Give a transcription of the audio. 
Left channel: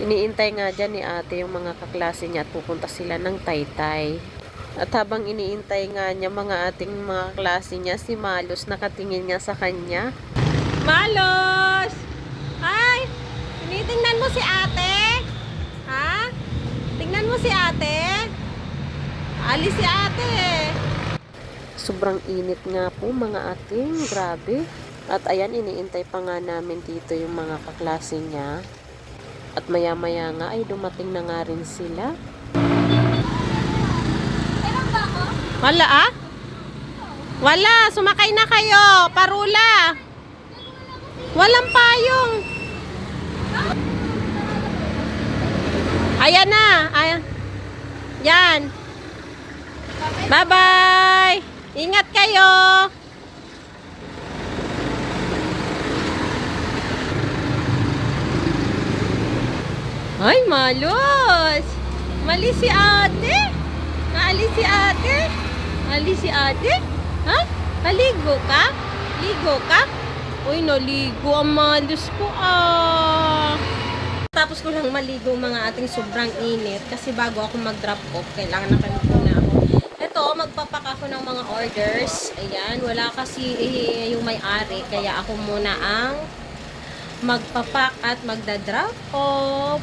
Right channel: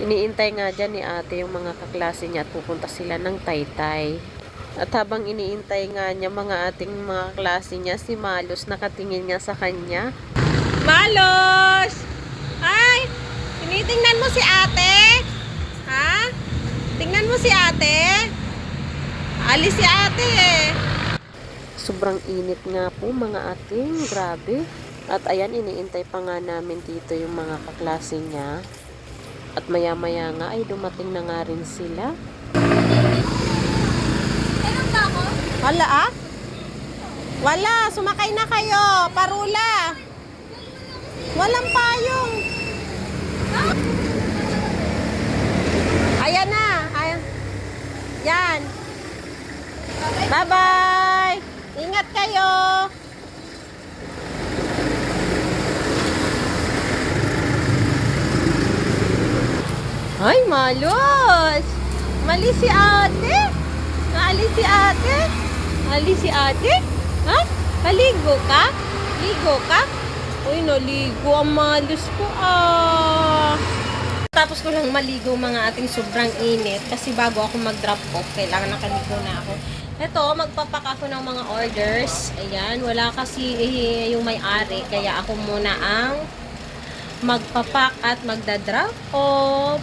Iniintay nga dyan ni ate yung mga kaklase niya at pupunta sila ng taytay. At habang iniintay nga niya mga ating mga klase niya, si Malos nakatingin nga sa kanya. Malos! Ay! Tinitingnan mo si ate? Ha? Tingnan mo si ate? Alis si ate eh. Sobrang init nga po mga ating, grabe. At ayan, iniintay pa nga namin dito yung mga kaklase niya. At maya-maya nga ay dumating na nga rin sila. Wala ah? Wala, sumakay na kayo. Parula. Walang payong. Ayan na. Ayan. Yan. Bye-bye. Ingat kayo. Ay, malos. Mali si ate. Naalis si ate. Mali si ate. Ha? Paligo ka? Ligo ka? Uy, naligo ang malos ko ah. Tapos ko lang maligo mga ating sobrang init kasi bago ako mag-drop off, kailangan nakaligo na ako. Ito, magpapak ako ng mga orders. Ayan, wala kasi eh, yung may-ari, kaya ako muna ang magpapak at magda-drop off.